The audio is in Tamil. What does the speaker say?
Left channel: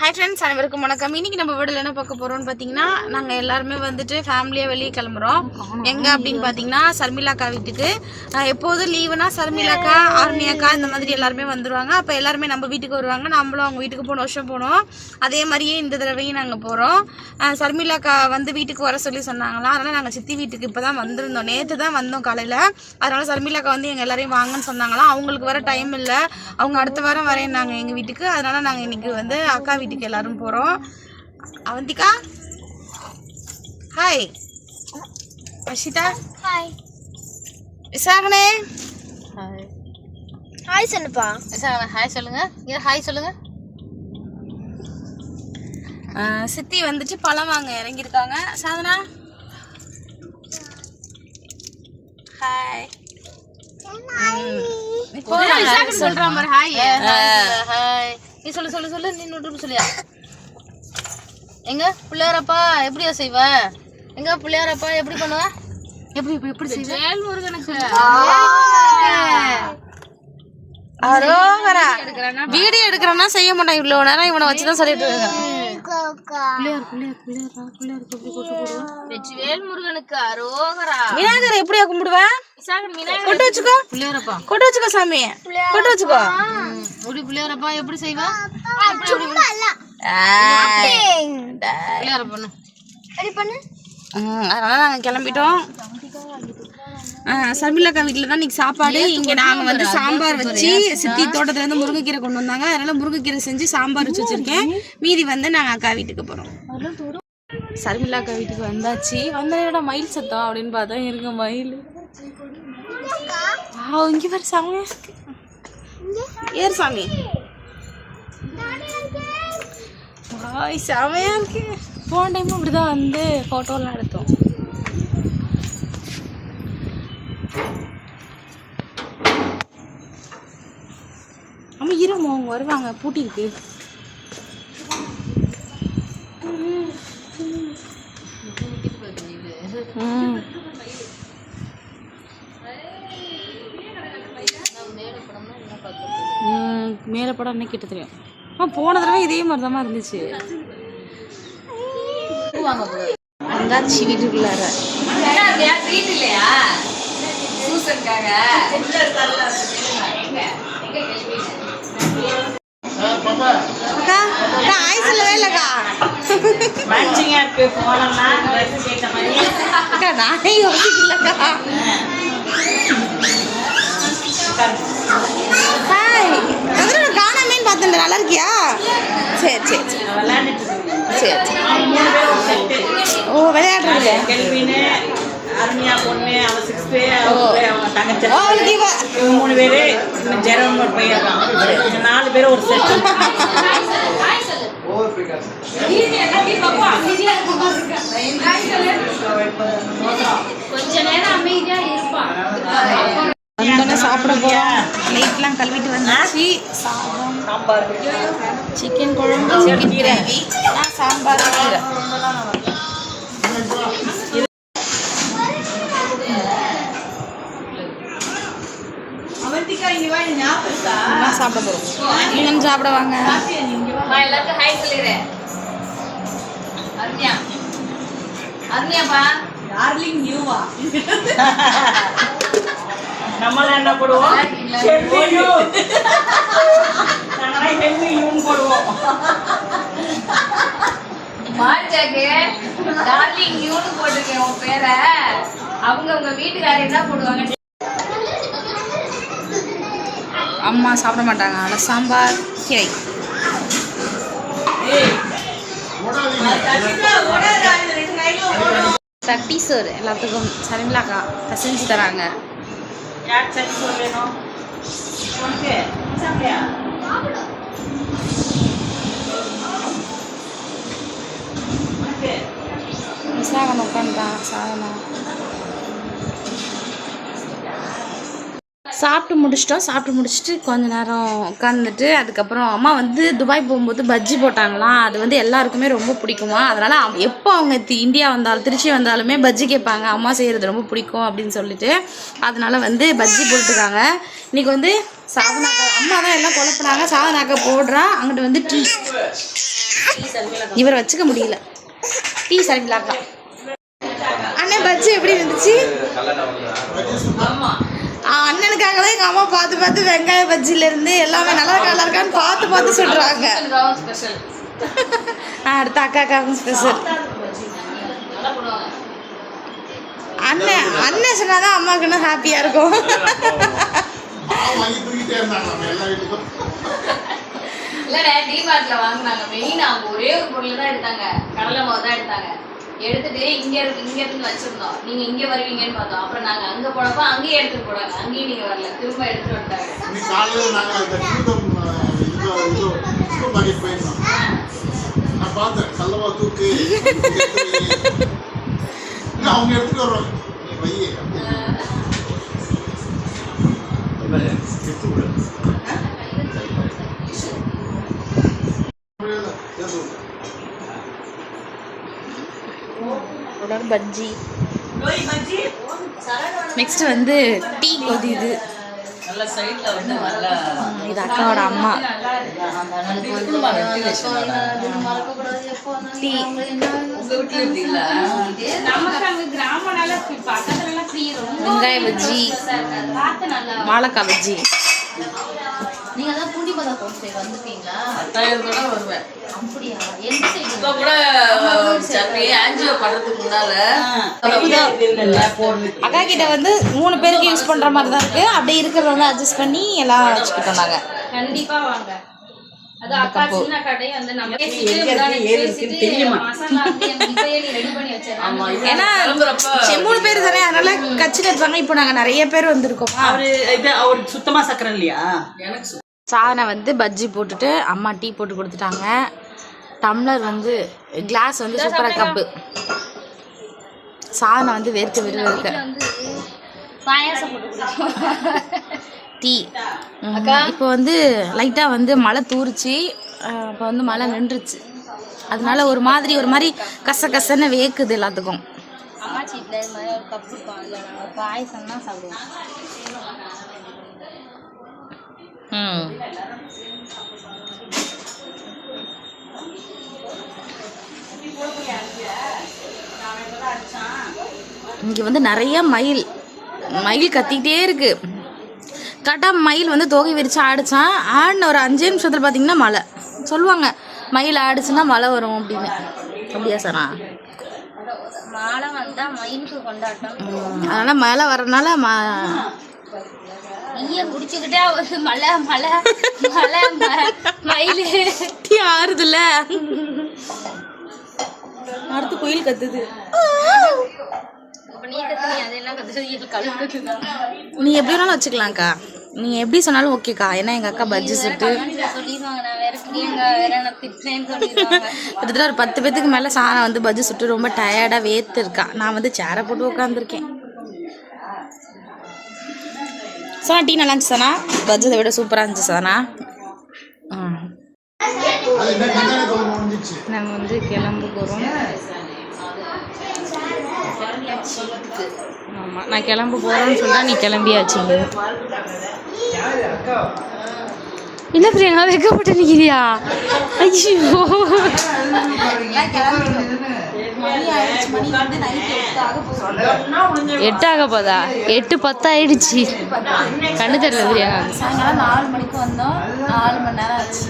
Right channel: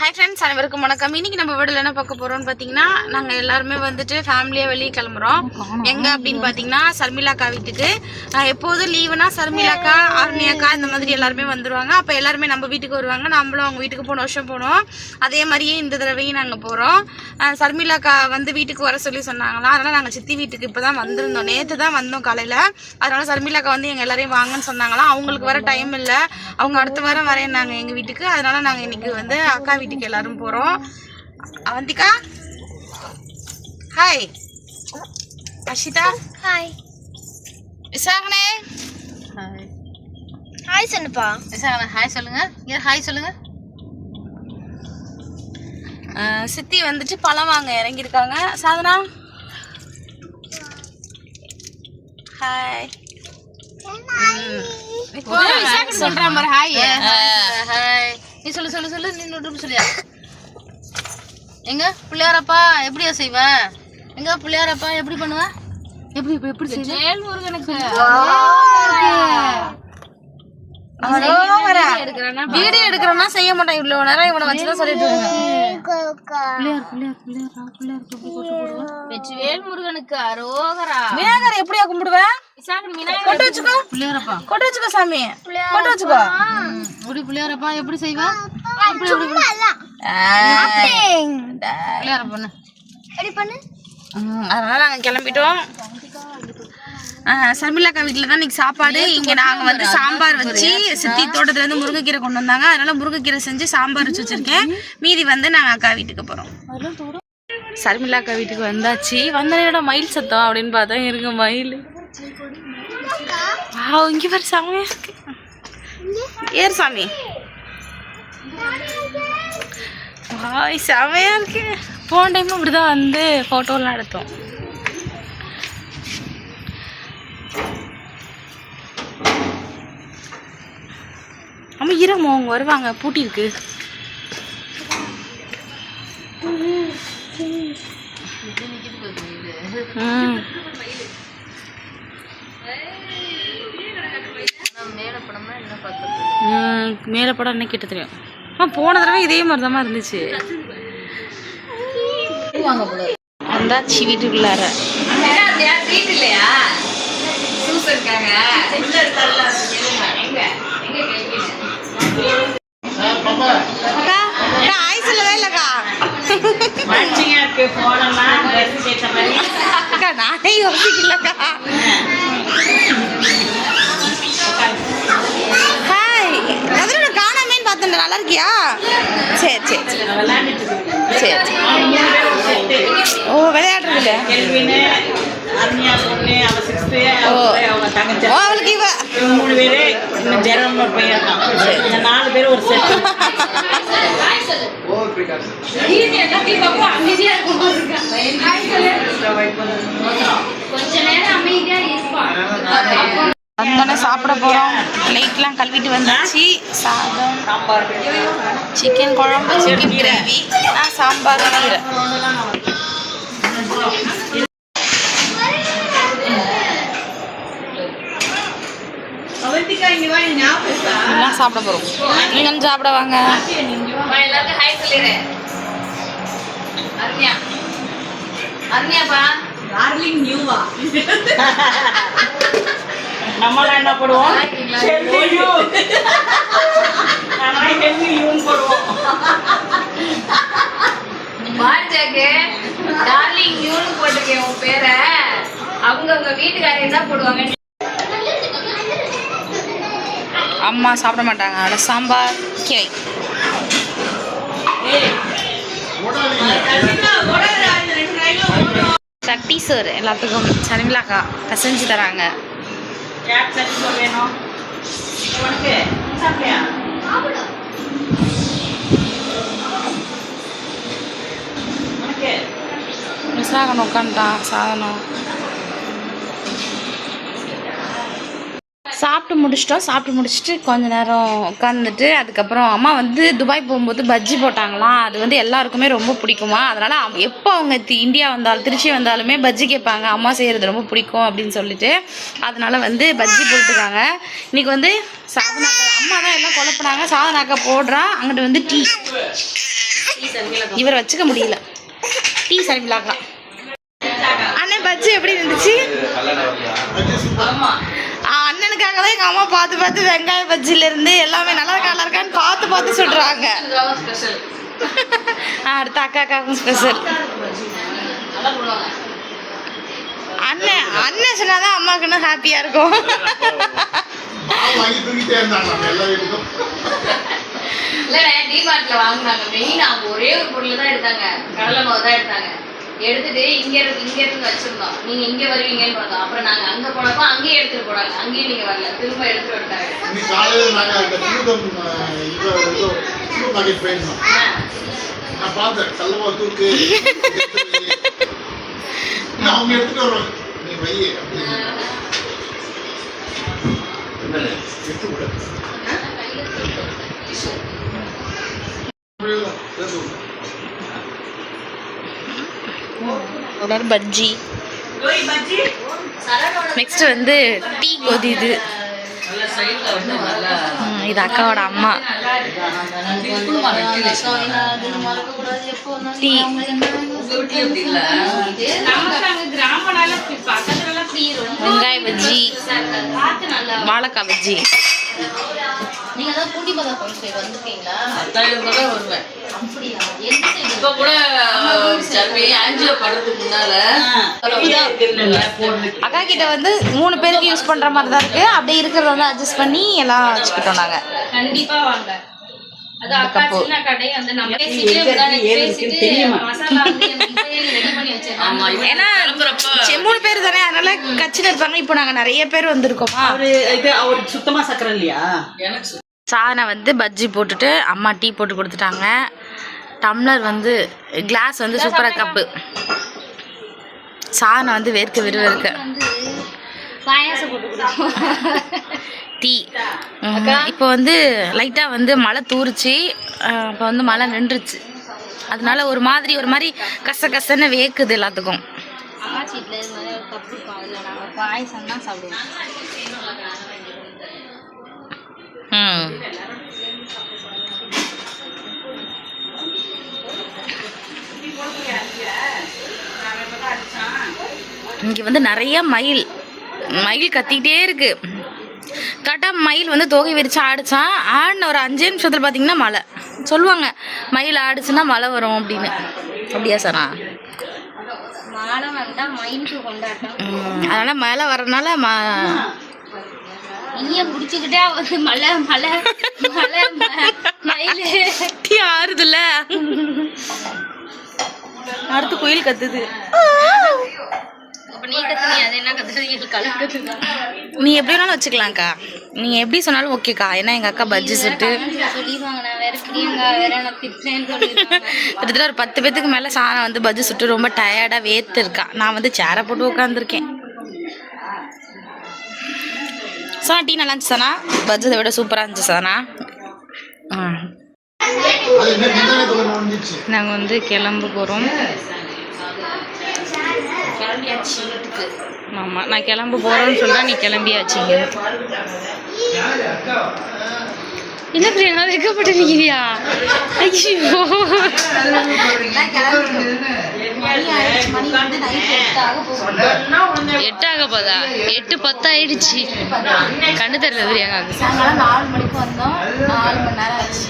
ஹாய் ஃப்ரெண்ட்ஸ், அனைவருக்கும் வணக்கம். இன்னைக்கு நம்ம வீடியோவில் என்ன பார்க்க போகிறோம்னு பார்த்தீங்கன்னா, நாங்கள் எல்லாருமே வந்துட்டு ஃபேமிலியாக வெளியே கிளம்புறோம். எங்கே அப்படின்னு பார்த்தீங்கன்னா, சர்மிளாக்கா வீட்டுக்கு. எப்போதும் லீவுனா சர்மிளாக்கா, ஆர்மியாக்கா இந்த மாதிரி எல்லாருமே வந்துடுவாங்க. அப்போ எல்லாருமே நம்ம வீட்டுக்கு வருவாங்க. நம்மளும் அவங்க வீட்டுக்கு போன வருஷம் போனோம். அதே மாதிரியே இந்த தடவையும் நாங்கள் போகிறோம். சர்மிளாக்கா வந்து வீட்டுக்கு வர சொல்லி சொன்னாங்களாம். அதனால் நாங்கள் சித்தி வீட்டுக்கு இப்போ தான் வந்திருந்தோம். நேற்று தான் வந்தோம் காலையில். அதனால் சர்மிளாக்கா வந்து எங்கள் எல்லாரையும் வாங்கன்னு சொன்னாங்களாம். அவங்களுக்கு வர டைம் இல்லை, அவங்க அடுத்த வாரம் வரேன்னாங்க எங்கள் வீட்டுக்கு. அதனால் நாங்கள் இன்றைக்கி வந்து அக்கா வீட்டுக்கு எல்லாரும் போறோம். அவந்திகா ஹாய், அஷிதா ஹாய், விசாகனே ஹாய். ஹாய் சொல்லுப்பா. விசாகனே ஹாய் சொல்லுங்க. ஹாய் சொல்லுங்க. சித்தி வந்துட்டு பழம் வாங்க இறங்கியிருக்காங்க. சாதனா ஹாய். சொல்றேன் பாரு. Hi hi. நீ சொல்லு சொல்லு சொல்லு. நீ நோட்டு சொல்லியா? எங்க பிள்ளையாரப்பா எப்படியா செய்வ? எங்க பிள்ளையாரப்பா எப்படி பண்ணுவ? எப்படி எப்படி செய்வ? வேல்முருகனுக்கு வீடியோ எடுக்கிறோம்னா செய்ய மாட்டேன். இவ்வளவு நேரம் இவனை வச்சுதான் சொல்லிட்டு இருக்கேன். வேல்முருகனுக்கு அரோகரா. விநாயகர் எப்படியா கும்பிடுவேன்? கொட்டு வச்சுக்கோ. பிள்ளையாரப்பா கொட்டு வச்சுக்கோ. சாமி கொட்டு வச்சுக்கோ. இப்படி பிள்ளையாரப்பா எப்படி செய்வ? அதனால நாங்க கிளம்பிட்டோம். சர்மிளாக்கா வீட்டில் தான் இன்னைக்கு சாப்பாடு. இங்கே நாங்கள் வந்து சாம்பார் வச்சு, சித்தி தோட்டத்துல இருந்து முருங்கைக்கீரை கொண்டு வந்தாங்க. அதனால முருங்கைக்கீரை செஞ்சு சாம்பார் வச்சு வச்சிருக்கேன். மீதி வந்து நாங்கள் அக்கா வீட்டுக்கு போகிறோம். சர்மிளாக்கா வீட்டுக்கு வந்தாச்சு. வந்த மயில் சத்தம் அப்படின்னு பார்த்தா இருக்க மயில். இங்கே பாரு சாமியா இருக்கு. ஏறு சாமி. செமையா இருக்கு. போன டைமும் இப்படிதான் வந்து போட்டோலாம் எடுத்தோம். அம்மா இருமோ அவங்க வருவாங்க, பூட்டி இருக்கு. மேல படம் என்ன கிட்ட தெரியும். போன தடவை இதே மாதிரி தான் இருந்துச்சு. வந்தாச்சு வீட்டுக்குள்ளார. அக்கா ஆய் சொல்லவே இல்லக்கா. அக்கா நானே யோசிக்கலக்கா. ஹாய், அதில் நான் காணாமேன்னு பார்த்தேன். நல்லா இருக்கியா? சரி சரி சரி சரி. ஓ விளையாடுறதுல அவளுக்கு இவ 3 பேரு ஜெரமர் பையன் 4 பேர் ஒரு செட். வந்தோடனே சாப்பிட போகிறோம். லைட்லாம் கழுவிட்டு வந்தாச்சு. சாதம், சாம்பார், சிக்கன் குழம்பு, சிக்கன் கிரேவி, சாம்பார், கீரை எல்லாம் சாப்பிட போகிறோம். நீங்களும் சாப்பிட வாங்க. நம்மளாம் என்ன போடுவோம்? போடுவோம். அம்மா சாப்பிட மாட்டாங்க. அட சாம்பார், கீரை, சட்டி சோறு எல்லாத்துக்கும் சர்மிளாக்கா பசஞ்சு தராங்க. விசாகன் உட்காந்துட்டான். சாதனம் சாப்பிட்டு முடிச்சிட்டோம். சாப்பிட்டு முடிச்சுட்டு கொஞ்ச நேரம் உட்காந்துட்டு அதுக்கப்புறம் அம்மா வந்து துபாய் போகும்போது பஜ்ஜி போட்டாங்களாம். அது வந்து எல்லாருக்குமே ரொம்ப பிடிக்குமா. அதனால் எப்போ அவங்க இந்தியா வந்தாலும் திருச்சி வந்தாலுமே பஜ்ஜி கேட்பாங்க. அம்மா செய்கிறது ரொம்ப பிடிக்கும் அப்படின்னு சொல்லிட்டு அதனால் வந்து பஜ்ஜி போட்டுருக்காங்க. இன்றைக்கி வந்து சாதனாக்கா அம்மா தான் எல்லாம் குழப்பினாங்க. சாதனாக்கா போடுறா. அங்கிட்டு வந்து டீ இவர் வச்சுக்க முடியல. டீ சர்மிளாக்கா. அண்ணன் பஜ்ஜி எப்படி இருந்துச்சு? அண்ணனுக்காக தான் எங்கள் அம்மா பார்த்து பார்த்து வெங்காய பஜ்ஜிலேருந்து எல்லாமே நல்லா இருக்கான்னு பார்த்து சொல்கிறாங்க. அடுத்த அக்காக்காகவும் ஸ்பெஷல். அண்ணன் சொன்னாதான் அம்மாவுக்கு இன்னும் ஹாப்பியாக இருக்கும். ஒரே ஒரு பொருள் தான் எடுத்தாங்க, கடலை மாவு தான் எடுத்தாங்க. எடுத்துட்டு இங்க இருந்து வச்சிருந்தோம். நீங்க இங்க வருவீங்கன்னு பார்த்தோம். அப்புறம் நாங்க அங்க போனப்ப அங்கேயே எடுத்துட்டு போனாங்க. அங்கேயும் நீங்க வரல, திரும்ப எடுத்துட்டு வந்துட்டாங்க. நான் பார்த்தேன் கல்லமா தூக்கு அவங்க எடுத்துட்டு வருவாங்க. நீ வையே பஜ்ஜி. நெக்ஸ்ட் வந்து டீ கொதிது. இது அக்காவோட அம்மா. டீ வெங்காய பஜ்ஜி, வாழைக்காய் பஜ்ஜி. நீங்க தான் பூண்டி பதா போய் வந்துட்டீங்களா? வருவேன். அப்படியா? இப்ப கூட ஆஞ்சியோ பண்றதுக்கு முன்னால அக்கா கிட்ட வந்து 3 பேருக்கு யூஸ் பண்ற மாதிரி தான் இருக்கு. அப்படியே இருக்கிறத வந்து அட்ஜஸ்ட் பண்ணி எல்லாம் வச்சுக்கிட்டோம் நாங்க. கண்டிப்பா வாங்க. அது அக்கா சின்ன கடை வந்து நம்ம பேசிட்டு மசாலா அப்படியே ரெடி பண்ணி வச்சிருக்காங்க. ஏன்னா 3 பேர் தானே, அதனால கச்சில இருப்பாங்க. இப்போ நாங்க நிறைய பேர் வந்திருக்கோமா. அவருக்கு சுத்தமா சக்கரை இல்லையா? எனக்கு சாதனை வந்து பஜ்ஜி போட்டுட்டு அம்மா டீ போட்டு கொடுத்துட்டாங்க. டம்ளர் வந்து கிளாஸ் வந்து சூப்பராக கப்பு. சாதனை வந்து வேர்க்க பாயாசம் போட்டு டீ. இப்போ வந்து லைட்டாக வந்து மழை தூரிச்சு. இப்போ வந்து மழை நின்றுச்சு. அதனால ஒரு மாதிரி கசன்னு வேக்குது எல்லாத்துக்கும். அம்மா சீட்டில் இது மாதிரி ஒரு கப் இருக்கும். அதில் நாங்கள் பாயசம் தான் சாப்பிடுவோம். இங்கே வந்து நிறைய மயில் கத்திக்கிட்டே இருக்கு. கரெக்டாக மயில் வந்து தொகை விரிச்சு ஆடிச்சான். ஆடின ஒரு 5 நிமிஷத்தில் பார்த்தீங்கன்னா மழை. சொல்லுவாங்க மயில் ஆடிச்சுன்னா மழை வரும் அப்படின்னு. அப்படியா சாரா? மழை வந்தால் மயிலுக்கு கொண்டாட்டம். அதனால் மழை வர்றதுனால நீயே குடிச்சுக்கிட்டே வந்து மழை மயில் டீ ஆறுதுல்ல. அடுத்து குயில் கத்துது. நீ கத்துனி அது என்ன கத்துது? நீ எப்படி வேணாலும் வச்சுக்கலாம்க்கா. நீ எப்படி சொன்னாலும் ஓகேக்கா. ஏன்னா எங்கள் அக்கா பஜ்ஜி சுட்டு சொல்லிடுவாங்க. நான் வேற பிரியங்கா வேற நான் திட்டுறேன்னு சொல்லிடுவாங்க. கிட்டத்தட்ட ஒரு 10 பேத்துக்கு மேலே சாணம் வந்து பஜ்ஜி சுட்டு ரொம்ப டயர்டாக வேர்த்து இருக்கா. நான் வந்து சேரை போட்டு உட்காந்துருக்கேன். சாணா டீ நல்லா இருந்துச்சு சாணா. பஜ்ஜியை விட சூப்பராக இருந்துச்சு சாணா. நாங்கள் வந்து கிளம்ப போகிறோம். ஆமாம், நான் கிளம்ப போகிறோன்னு சொல்கிறேன். நீ கிளம்பியாச்சுங்க. என்ன பிரியங்கா வைக்கப்பட்டு நிற்கிறியா? ஐயோ, எட்டாக போதா? 8:10 ஆயிடுச்சு. கண்ணு தெரியல பிரியங்கா. சாயங்காலம் 4 மணிக்கு வந்தோம். 4 மணி நேரம் ஆச்சு.